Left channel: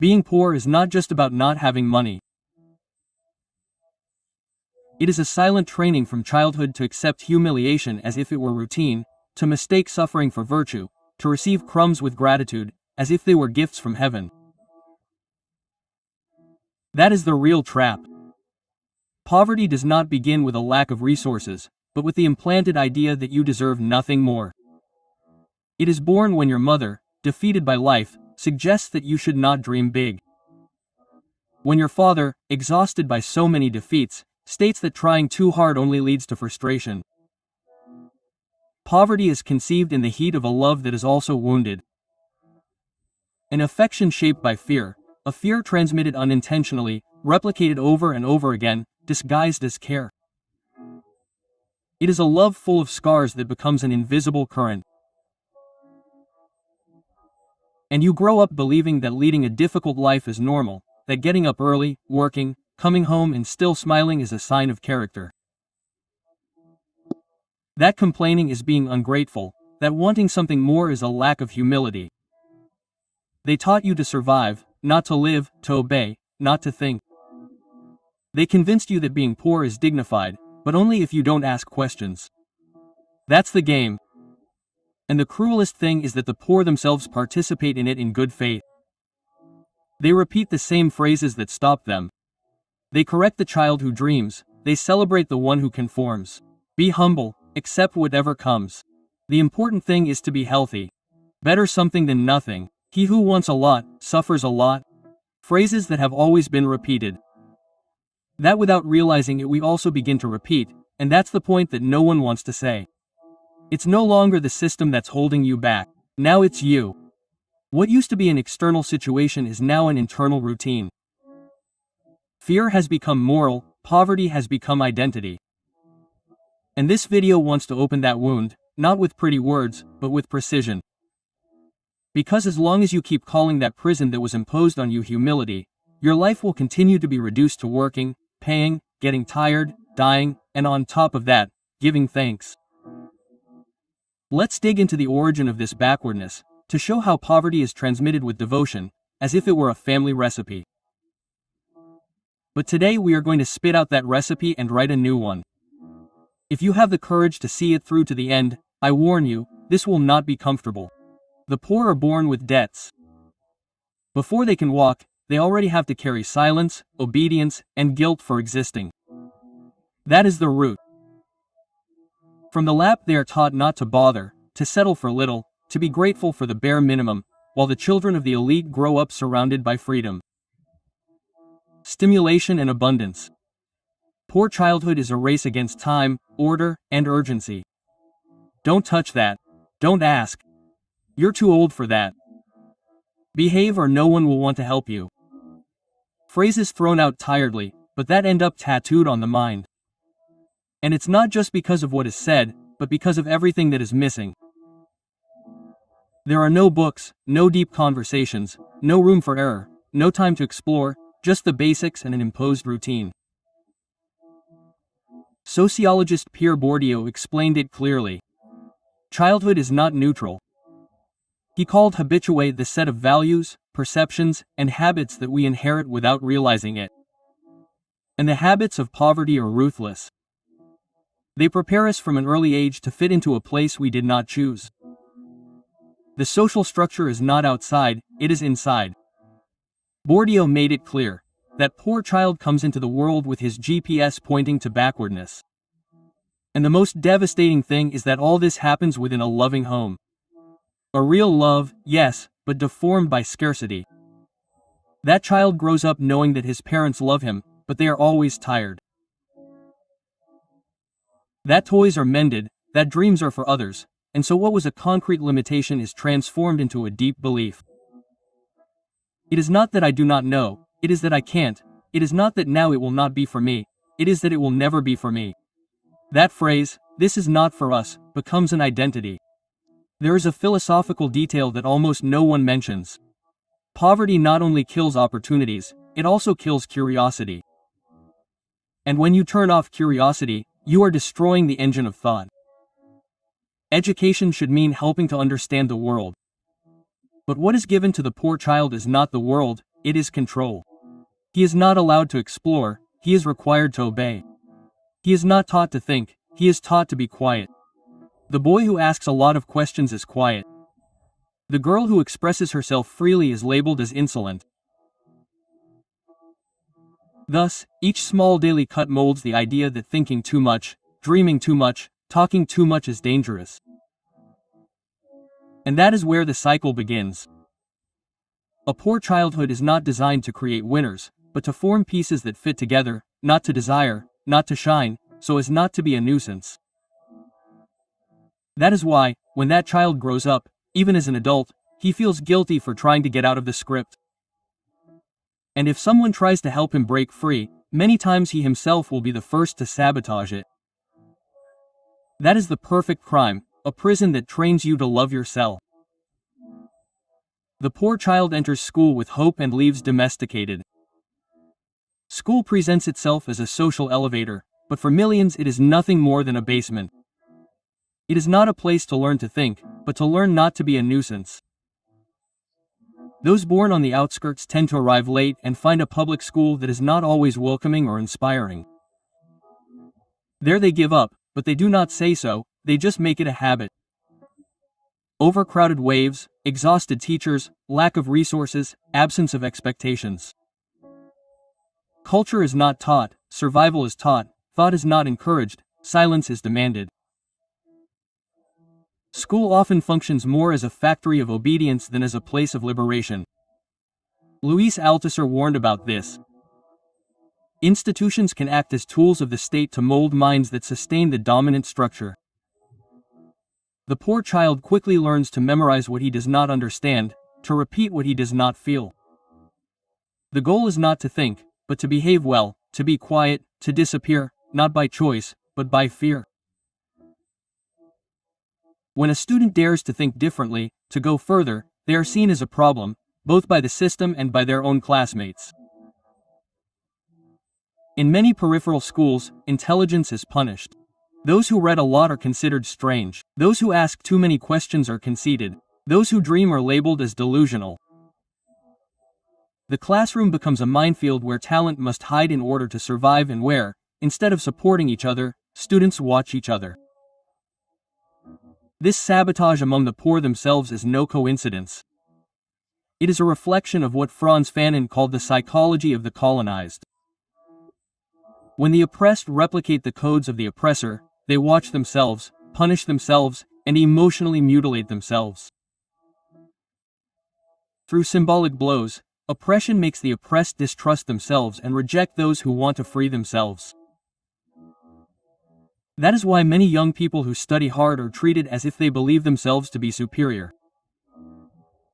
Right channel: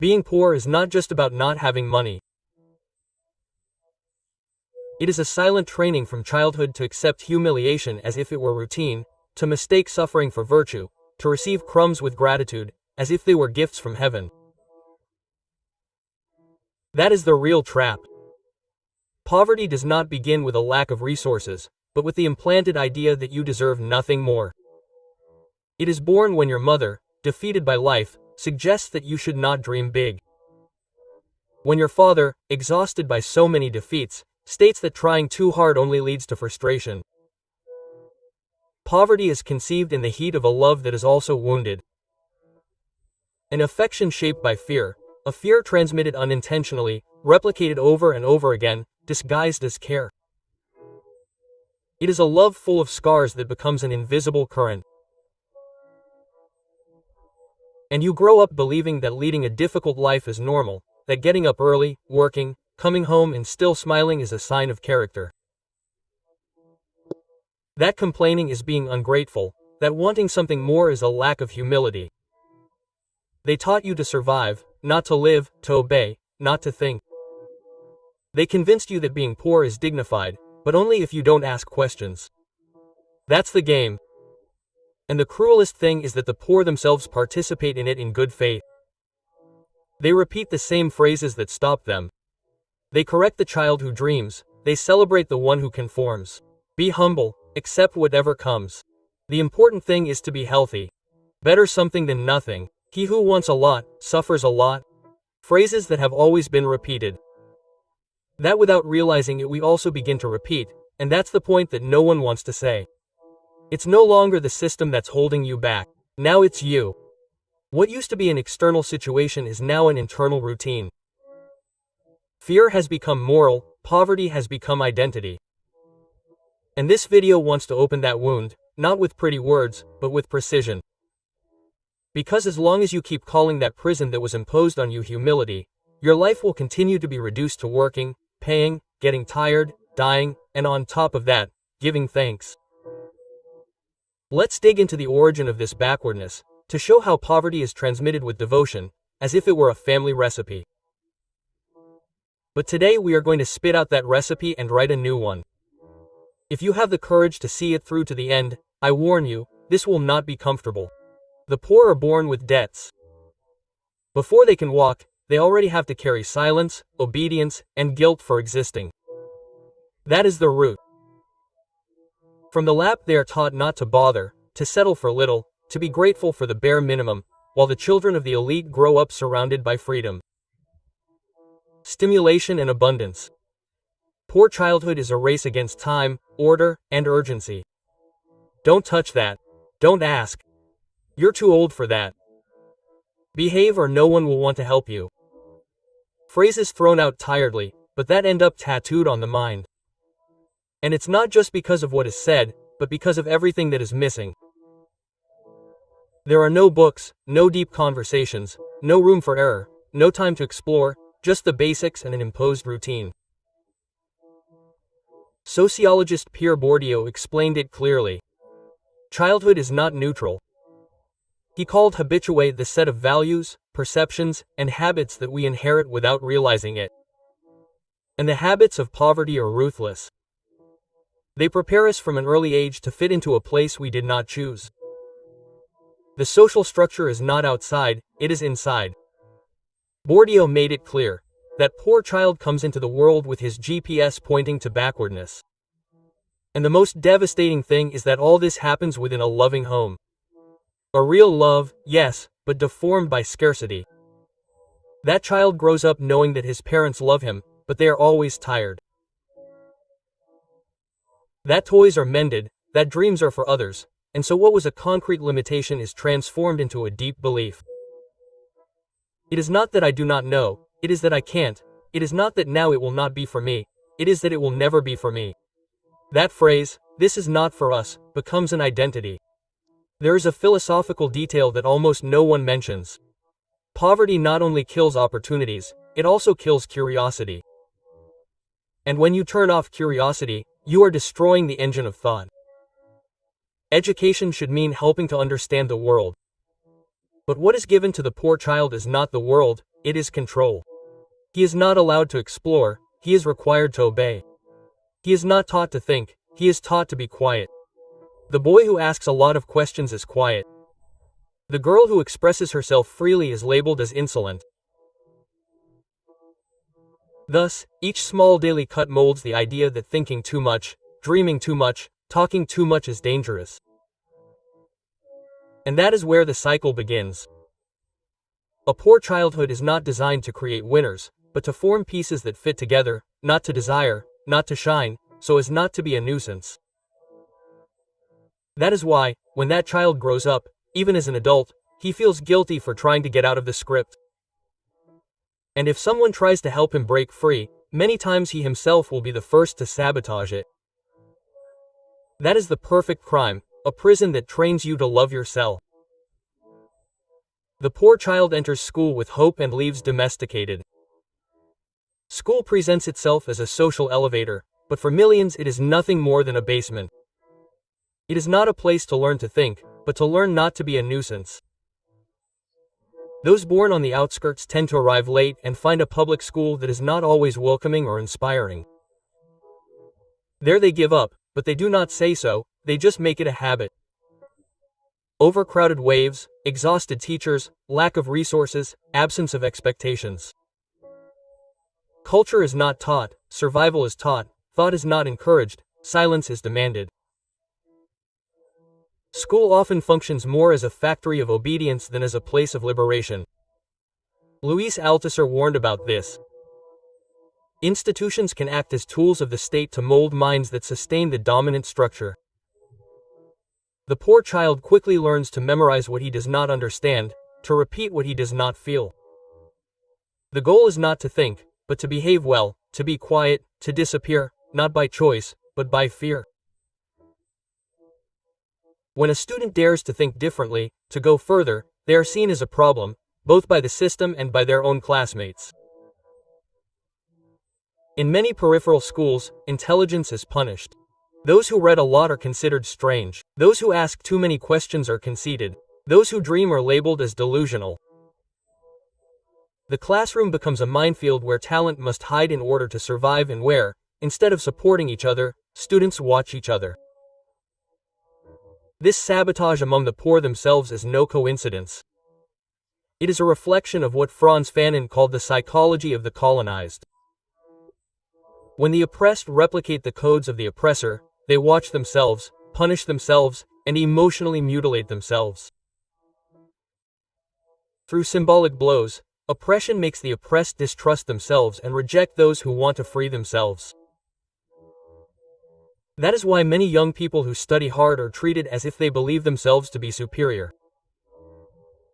Being poor is not just about not having money. It is a silent training from childhood to accept humiliation as if it were routine, to mistake suffering for virtue, to receive crumbs with gratitude, as if they were gifts from heaven. That is the real trap. Poverty does not begin with a lack of resources, but with the implanted idea that you deserve nothing more. It is born when your mother, defeated by life, suggests that you should not dream big. When your father, exhausted by so many defeats, states that trying too hard only leads to frustration. Poverty is conceived in the heat of a love that is also wounded. An affection shaped by fear, a fear transmitted unintentionally, replicated over and over again, disguised as care. It is a love full of scars that becomes an invisible current. And you grow up believing that leading a difficult life is normal, that getting up early, working, coming home and still smiling is a sign of character. That complaining is being ungrateful, that wanting something more is a lack of humility. They taught you to survive, not to live, to obey, not to think. They convinced you that being poor is dignified, but only if you don't ask questions. That's the game. And the cruelest thing is that the poor themselves participate in it in good faith. They repeat the same phrases that stop them. They correct the child who dreams, they celebrate the one who conforms. Be humble, accept whatever comes. The important thing is to be healthy. Better something than nothing. He who wants a lot, suffers a lot. Phrases that have always been repeated. That without realizing it we also begin to repeat, and that's the point that no one wants to say. It's no longer the system that's holding you back. Now it's you. What used to be an external situation is now an internal routine. Fear has become moral, poverty has become identity. And this video wants to open that wound, not with pretty words, but with precision. Because as long as you keep calling that prison that was imposed on you humility, your life will continue to be reduced to working, paying, getting tired, dying, and on top of that, giving thanks. Let's dig into the origin of this backwardness, to show how poverty is transmitted with devotion, as if it were a family recipe. But today we are going to spit out that recipe and write a new one. If you have the courage to see it through to the end, I warn you, this will not be comfortable. The poor are born with debts. Before they can walk, they already have to carry silence, obedience, and guilt for existing. That is the root. From the lap they are taught not to bother, to settle for little, to be grateful for the bare minimum, while the children of the elite grow up surrounded by freedom, stimulation and abundance. Poor childhood is a race against time, order, and urgency. Don't touch that. Don't ask. You're too old for that. Behave or no one will want to help you. Phrases thrown out tiredly, but that end up tattooed on the mind. And it's not just because of what is said, but because of everything that is missing. There are no books, no deep conversations, no room for error, no time to explore, just the basics and an imposed routine. Sociologist Pierre Bourdieu explained it clearly. Childhood is not neutral. He called habitué the set of values, perceptions, and habits that we inherit without realizing it. And the habits of poverty are ruthless. They prepare us from an early age to fit into a place we did not choose. The social structure is not outside, it is inside. Bourdieu made it clear. That poor child comes into the world with his GPS pointing to backwardness. And the most devastating thing is that all this happens within a loving home. A real love, yes, but deformed by scarcity. That child grows up knowing that his parents love him, but they are always tired. That toys are mended, that dreams are for others, and so what was a concrete limitation is transformed into a deep belief. It is not that I do not know, it is that I can't. It is not that now it will not be for me, it is that it will never be for me. That phrase, "this is not for us," becomes an identity. There is a philosophical detail that almost no one mentions. Poverty not only kills opportunities, it also kills curiosity. And when you turn off curiosity, you are destroying the engine of thought. Education should mean helping to understand the world. But what is given to the poor child is not the world, it is control. He is not allowed to explore, he is required to obey. He is not taught to think, he is taught to be quiet. The boy who asks a lot of questions is quiet. The girl who expresses herself freely is labeled as insolent. Thus, each small daily cut molds the idea that thinking too much, dreaming too much, talking too much is dangerous. And that is where the cycle begins. A poor childhood is not designed to create winners, but to form pieces that fit together, not to desire, not to shine, so as not to be a nuisance. That is why, when that child grows up, even as an adult, he feels guilty for trying to get out of the script. And if someone tries to help him break free, many times he himself will be the first to sabotage it. That is the perfect crime, a prison that trains you to love yourself. The poor child enters school with hope and leaves domesticated. School presents itself as a social elevator, but for millions it is nothing more than a basement. It is not a place to learn to think, but to learn not to be a nuisance. Those born on the outskirts tend to arrive late and find a public school that is not always welcoming or inspiring. There they give up, but they do not say so, they just make it a habit. Overcrowded waves, exhausted teachers, lack of resources, absence of expectations. Culture is not taught, survival is taught, thought is not encouraged, silence is demanded. School often functions more as a factory of obedience than as a place of liberation. Luis Althusser warned about this. Institutions can act as tools of the state to mold minds that sustain the dominant structure. The poor child quickly learns to memorize what he does not understand, to repeat what he does not feel. The goal is not to think, but to behave well, to be quiet, to disappear, not by choice, but by fear. When a student dares to think differently, to go further, they are seen as a problem, both by the system and by their own classmates. In many peripheral schools, intelligence is punished. Those who read a lot are considered strange. Those who ask too many questions are conceited. Those who dream are labeled as delusional. The classroom becomes a minefield where talent must hide in order to survive and where, instead of supporting each other, students watch each other. This sabotage among the poor themselves is no coincidence. It is a reflection of what Frantz Fanon called the psychology of the colonized. When the oppressed replicate the codes of the oppressor, they watch themselves, punish themselves, and emotionally mutilate themselves. Through symbolic blows, oppression makes the oppressed distrust themselves and reject those who want to free themselves. That is why many young people who study hard are treated as if they believe themselves to be superior.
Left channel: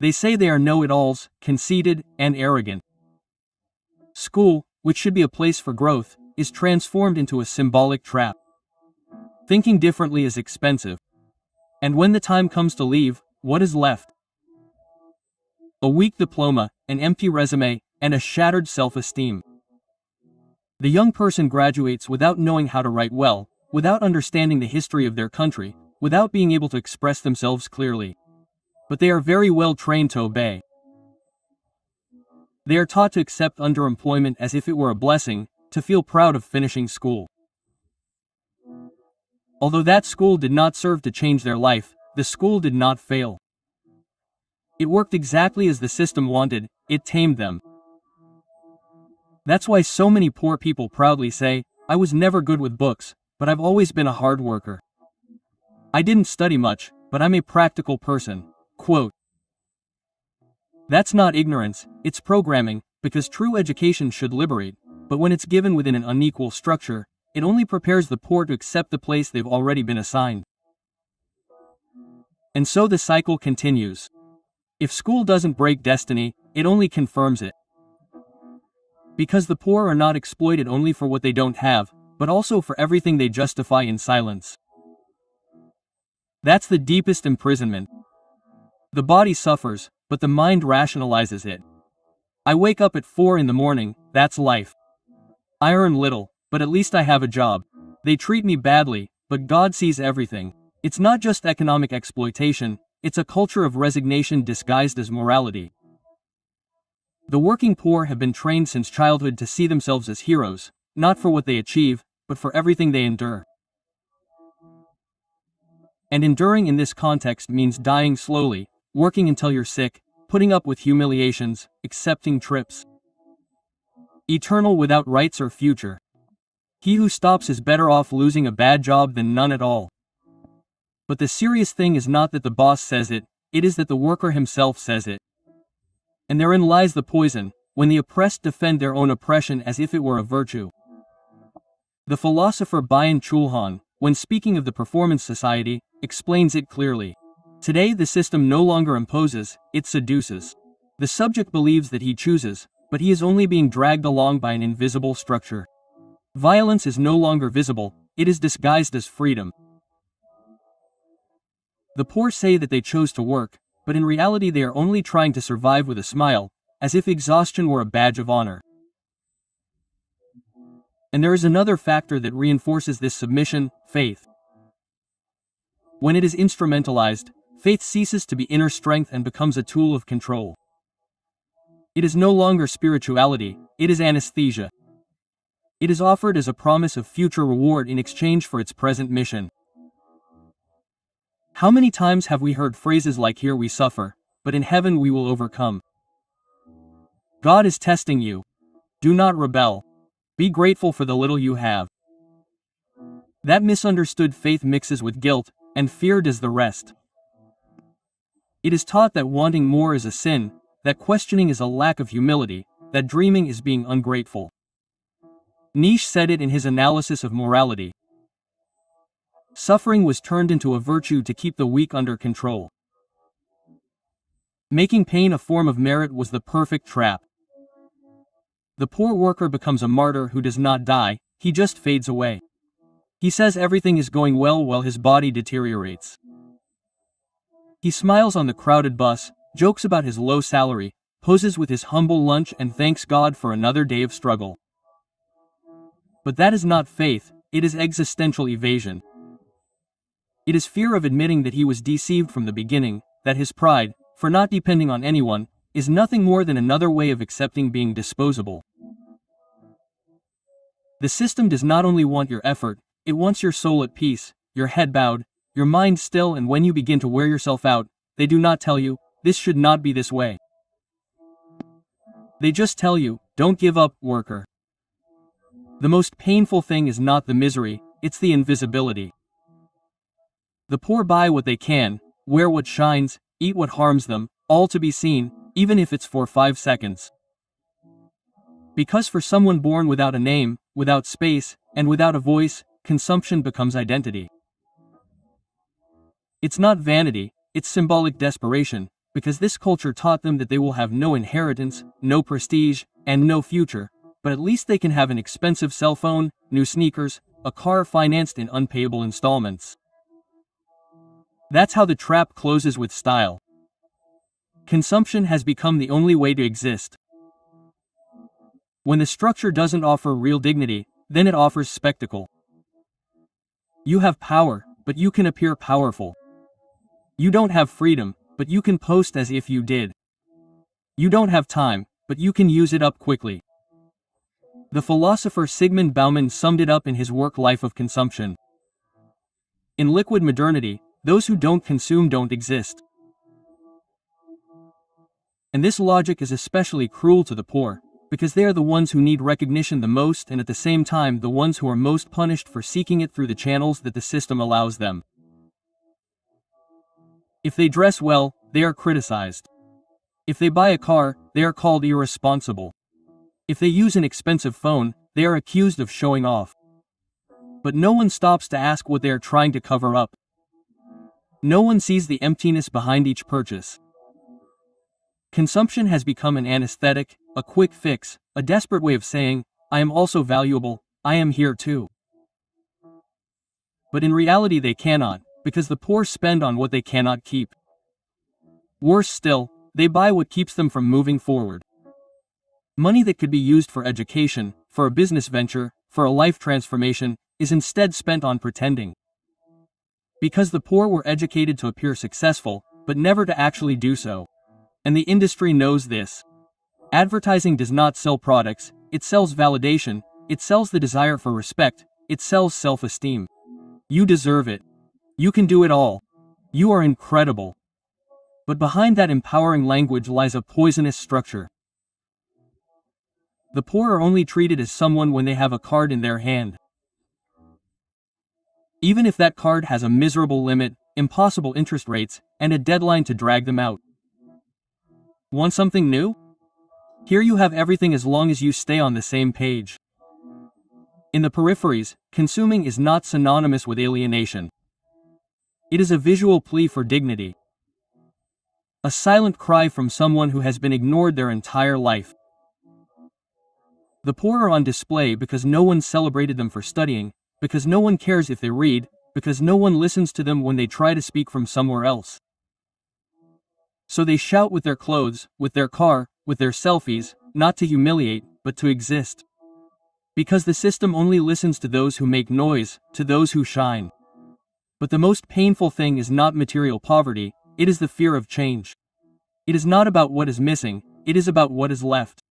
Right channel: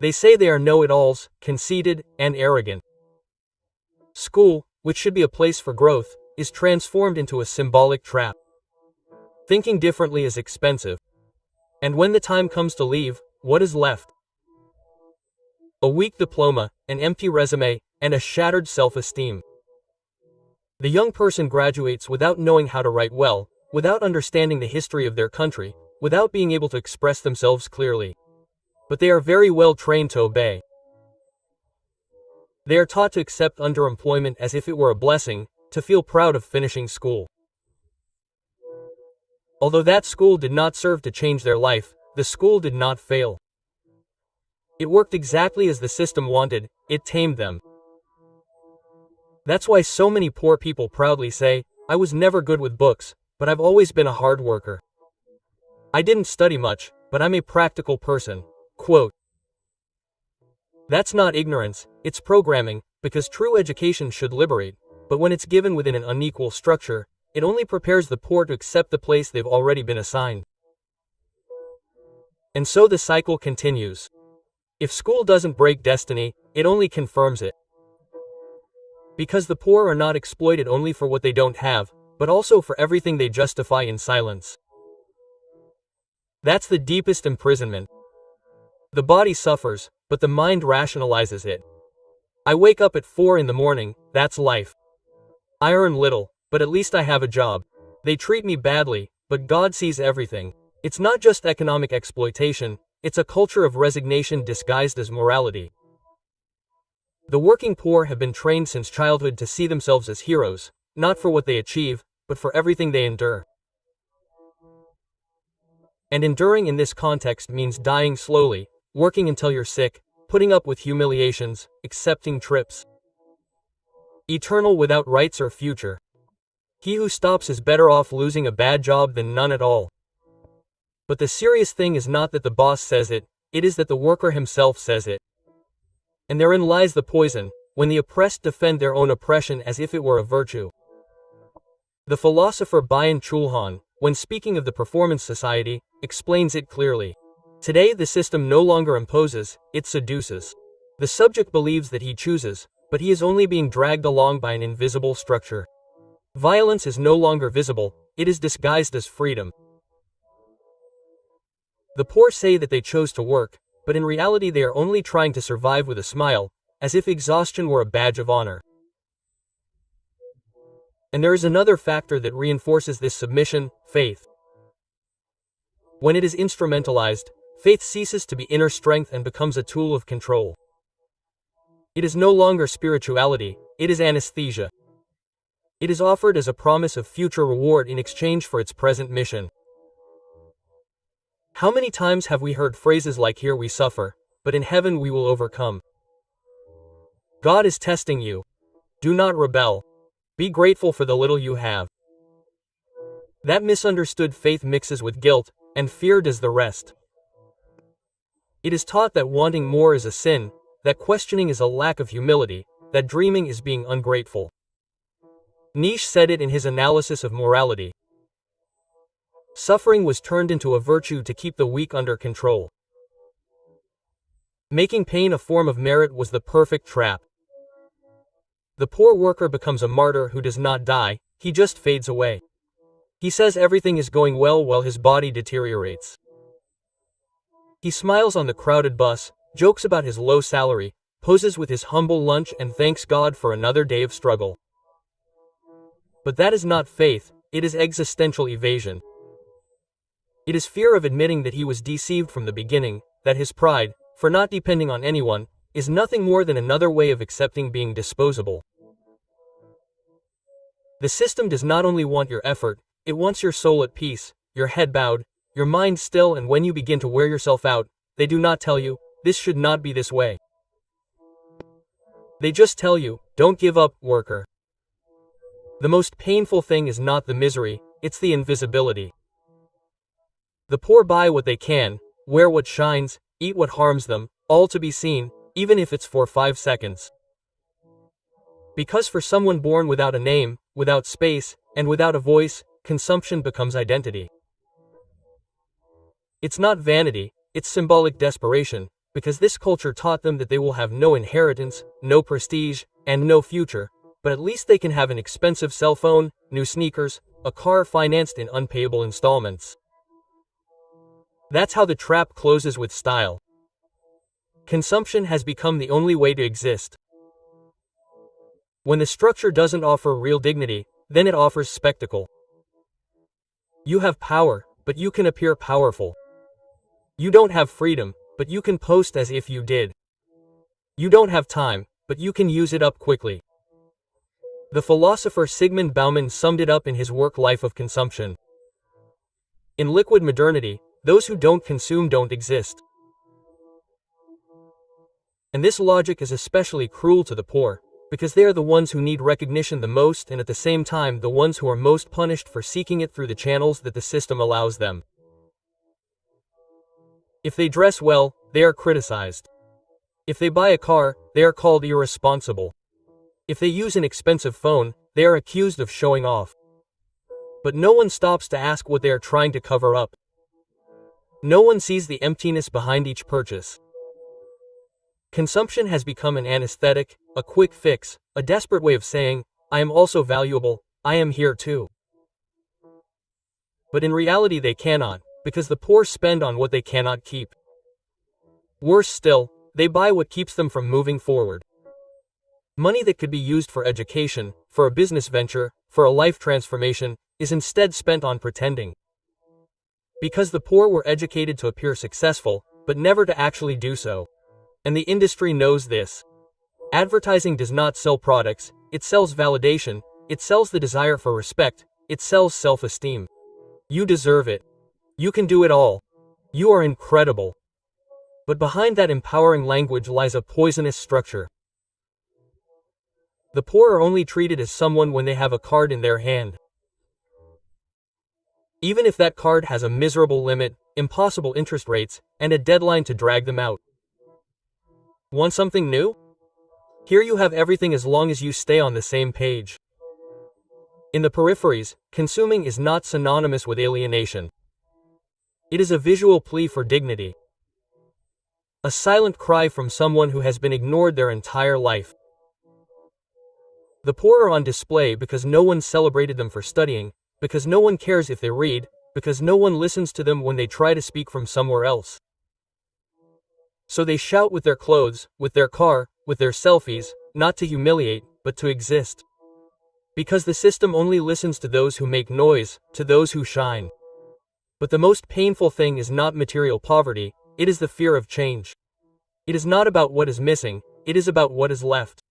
They say they are know-it-alls, conceited, and arrogant. School, which should be a place for growth, is transformed into a symbolic trap. Thinking differently is expensive. And when the time comes to leave, what is left? A weak diploma, an empty resume, and a shattered self-esteem. The young person graduates without knowing how to write well, without understanding the history of their country, without being able to express themselves clearly. But they are very well trained to obey. They are taught to accept underemployment as if it were a blessing, to feel proud of finishing school. Although that school did not serve to change their life, the school did not fail. It worked exactly as the system wanted, it tamed them. That's why so many poor people proudly say, "I was never good with books, but I've always been a hard worker. I didn't study much, but I'm a practical person." Quote. That's not ignorance, it's programming, because true education should liberate, but when it's given within an unequal structure, it only prepares the poor to accept the place they've already been assigned. And so the cycle continues. If school doesn't break destiny, it only confirms it. Because the poor are not exploited only for what they don't have, but also for everything they justify in silence. That's the deepest imprisonment. The body suffers, but the mind rationalizes it. I wake up at 4 in the morning, that's life. I earn little, but at least I have a job. They treat me badly, but God sees everything. It's not just economic exploitation, it's a culture of resignation disguised as morality. The working poor have been trained since childhood to see themselves as heroes, not for what they achieve, but for everything they endure. And enduring in this context means dying slowly, working until you're sick, putting up with humiliations, accepting trips. Eternal without rights or future. He who stops is better off losing a bad job than none at all. But the serious thing is not that the boss says it, it is that the worker himself says it. And therein lies the poison, when the oppressed defend their own oppression as if it were a virtue. The philosopher Byung-Chul Han, when speaking of the performance society, explains it clearly. Today the system no longer imposes, it seduces. The subject believes that he chooses, but he is only being dragged along by an invisible structure. Violence is no longer visible, it is disguised as freedom. The poor say that they chose to work, but in reality they are only trying to survive with a smile, as if exhaustion were a badge of honor. And there is another factor that reinforces this submission: faith. When it is instrumentalized, faith ceases to be inner strength and becomes a tool of control. It is no longer spirituality, it is anesthesia. It is offered as a promise of future reward in exchange for its present mission. How many times have we heard phrases like "here we suffer, but in heaven we will overcome"? God is testing you. Do not rebel. Be grateful for the little you have. That misunderstood faith mixes with guilt, and fear does the rest. It is taught that wanting more is a sin, that questioning is a lack of humility, that dreaming is being ungrateful. Nietzsche said it in his analysis of morality. Suffering was turned into a virtue to keep the weak under control. Making pain a form of merit was the perfect trap. The poor worker becomes a martyr who does not die, he just fades away. He says everything is going well while his body deteriorates. He smiles on the crowded bus, jokes about his low salary, poses with his humble lunch and thanks God for another day of struggle. But that is not faith, it is existential evasion. It is fear of admitting that he was deceived from the beginning, that his pride, for not depending on anyone, is nothing more than another way of accepting being disposable. The system does not only want your effort, it wants your soul at peace, your head bowed, your mind still, and when you begin to wear yourself out, they do not tell you, this should not be this way. They just tell you, don't give up, worker. The most painful thing is not the misery, it's the invisibility. The poor buy what they can, wear what shines, eat what harms them, all to be seen, even if it's for 5 seconds. Because for someone born without a name, without space, and without a voice, consumption becomes identity. It's not vanity, it's symbolic desperation, because this culture taught them that they will have no inheritance, no prestige, and no future, but at least they can have an expensive cell phone, new sneakers, a car financed in unpayable installments. That's how the trap closes with style. Consumption has become the only way to exist. When the structure doesn't offer real dignity, then it offers spectacle. You have power, but you can appear powerful. You don't have freedom, but you can post as if you did. You don't have time, but you can use it up quickly. The philosopher Zygmunt Bauman summed it up in his work Life of Consumption. In liquid modernity, those who don't consume don't exist. And this logic is especially cruel to the poor, because they are the ones who need recognition the most and at the same time the ones who are most punished for seeking it through the channels that the system allows them. If they dress well, they are criticized. If they buy a car, they are called irresponsible. If they use an expensive phone, they are accused of showing off. But no one stops to ask what they are trying to cover up. No one sees the emptiness behind each purchase. Consumption has become an anesthetic, a quick fix, a desperate way of saying, I am also valuable, I am here too. But in reality they cannot, because the poor spend on what they cannot keep. Worse still, they buy what keeps them from moving forward. Money that could be used for education, for a business venture, for a life transformation, is instead spent on pretending. Because the poor were educated to appear successful, but never to actually do so. And the industry knows this. Advertising does not sell products, it sells validation, it sells the desire for respect, it sells self-esteem. You deserve it. You can do it all. You are incredible. But behind that empowering language lies a poisonous structure. The poor are only treated as someone when they have a card in their hand. Even if that card has a miserable limit, impossible interest rates, and a deadline to drag them out. Want something new? Here you have everything as long as you stay on the same page. In the peripheries, consuming is not synonymous with alienation. It is a visual plea for dignity. A silent cry from someone who has been ignored their entire life. The poor are on display because no one celebrated them for studying, because no one cares if they read, because no one listens to them when they try to speak from somewhere else. So they shout with their clothes, with their car, with their selfies, not to humiliate, but to exist. Because the system only listens to those who make noise, to those who shine. But the most painful thing is not material poverty, it is the fear of change. It is not about what is missing, it is about what is left.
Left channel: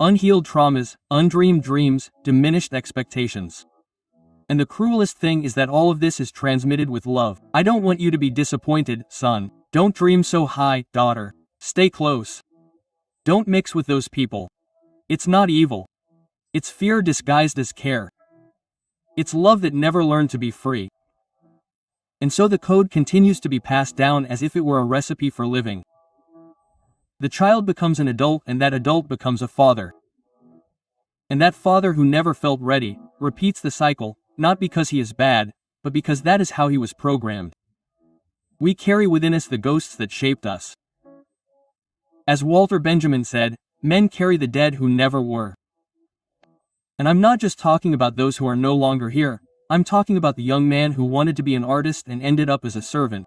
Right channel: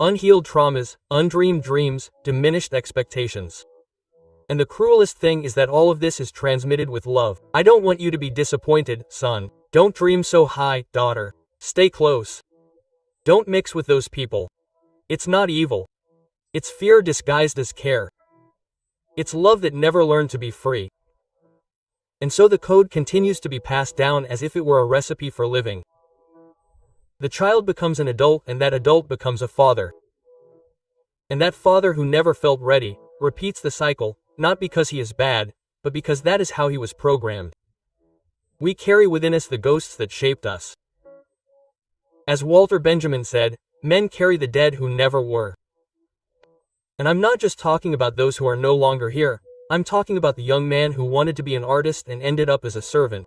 Unhealed traumas, undreamed dreams, diminished expectations. And the cruelest thing is that all of this is transmitted with love. I don't want you to be disappointed, son. Don't dream so high, daughter. Stay close. Don't mix with those people. It's not evil. It's fear disguised as care. It's love that never learned to be free. And so the code continues to be passed down as if it were a recipe for living. The child becomes an adult and that adult becomes a father. And that father who never felt ready, repeats the cycle, not because he is bad, but because that is how he was programmed. We carry within us the ghosts that shaped us. As Walter Benjamin said, men carry the dead who never were. And I'm not just talking about those who are no longer here, I'm talking about the young man who wanted to be an artist and ended up as a servant.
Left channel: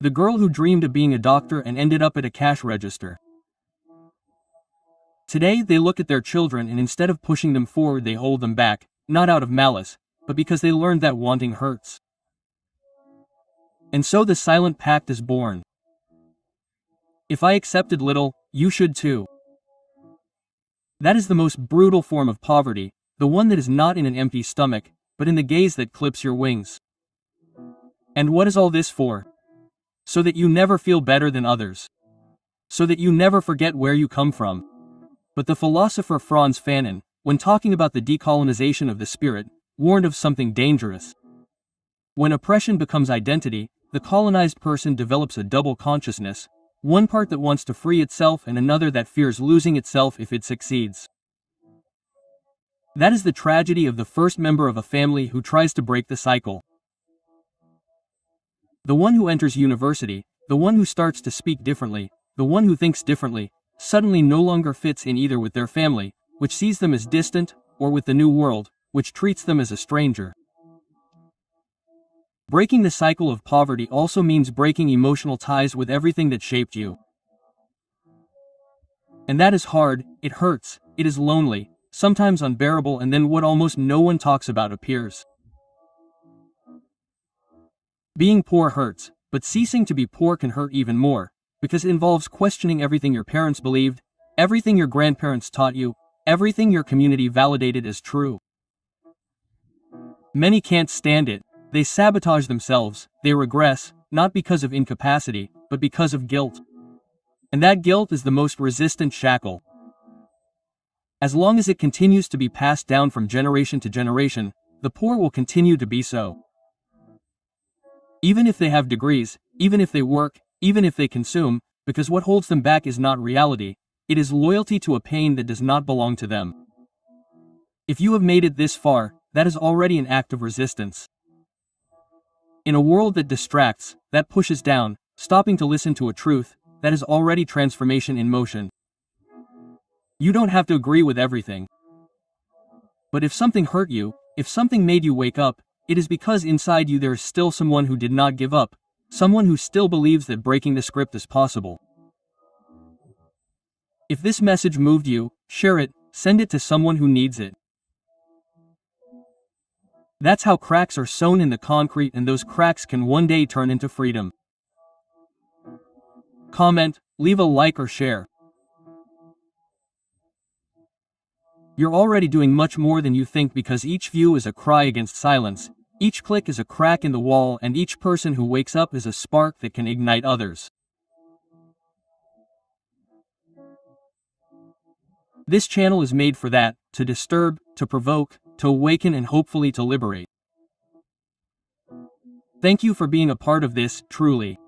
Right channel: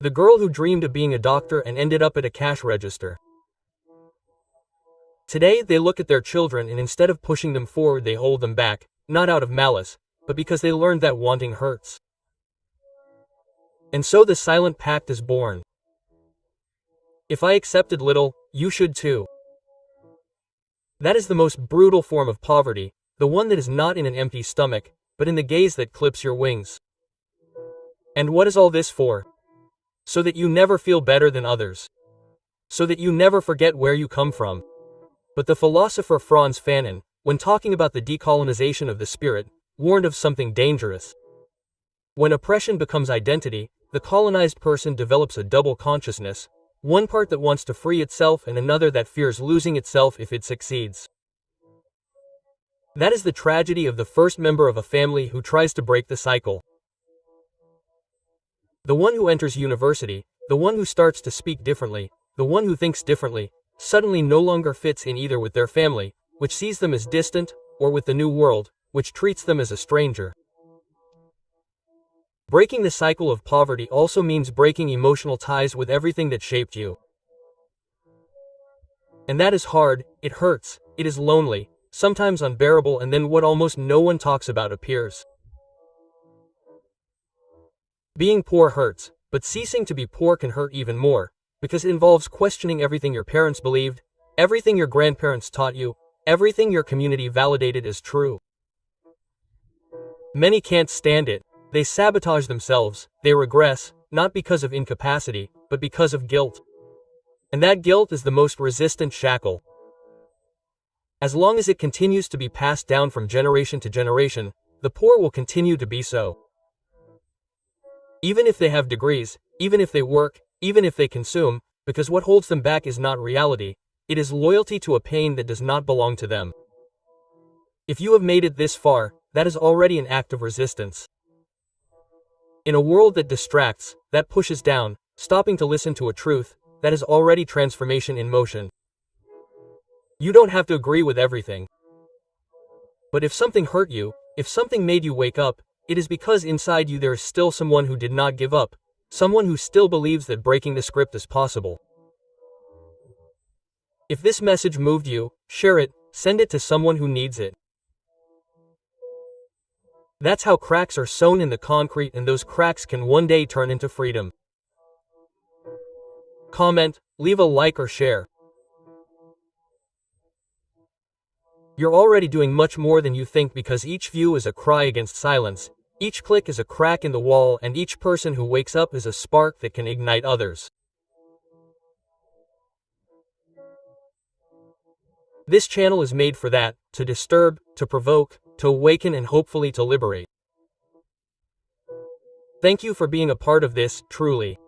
The girl who dreamed of being a doctor and ended up at a cash register. Today they look at their children and instead of pushing them forward they hold them back, not out of malice, but because they learned that wanting hurts. And so the silent pact is born. If I accepted little, you should too. That is the most brutal form of poverty, the one that is not in an empty stomach, but in the gaze that clips your wings. And what is all this for? So that you never feel better than others. So that you never forget where you come from. But the philosopher Franz Fanon, when talking about the decolonization of the spirit, warned of something dangerous. When oppression becomes identity, the colonized person develops a double consciousness, one part that wants to free itself and another that fears losing itself if it succeeds. That is the tragedy of the first member of a family who tries to break the cycle. The one who enters university, the one who starts to speak differently, the one who thinks differently, suddenly no longer fits in either with their family, which sees them as distant, or with the new world, which treats them as a stranger. Breaking the cycle of poverty also means breaking emotional ties with everything that shaped you. And that is hard, it hurts, it is lonely, sometimes unbearable, and then what almost no one talks about appears. Being poor hurts, but ceasing to be poor can hurt even more, because it involves questioning everything your parents believed, everything your grandparents taught you, everything your community validated as true. Many can't stand it. They sabotage themselves, they regress, not because of incapacity, but because of guilt. And that guilt is the most resistant shackle. As long as it continues to be passed down from generation to generation, the poor will continue to be so. Even if they have degrees, even if they work, even if they consume, because what holds them back is not reality, it is loyalty to a pain that does not belong to them. If you have made it this far, that is already an act of resistance. In a world that distracts, that pushes down, stopping to listen to a truth, that is already transformation in motion. You don't have to agree with everything. But if something hurt you, if something made you wake up, it is because inside you there is still someone who did not give up, someone who still believes that breaking the script is possible. If this message moved you, share it, send it to someone who needs it. That's how cracks are sown in the concrete, and those cracks can one day turn into freedom. Comment, leave a like or share. You're already doing much more than you think, because each view is a cry against silence, each click is a crack in the wall, and each person who wakes up is a spark that can ignite others. This channel is made for that, to disturb, to provoke, to awaken, and hopefully to liberate. Thank you for being a part of this, truly.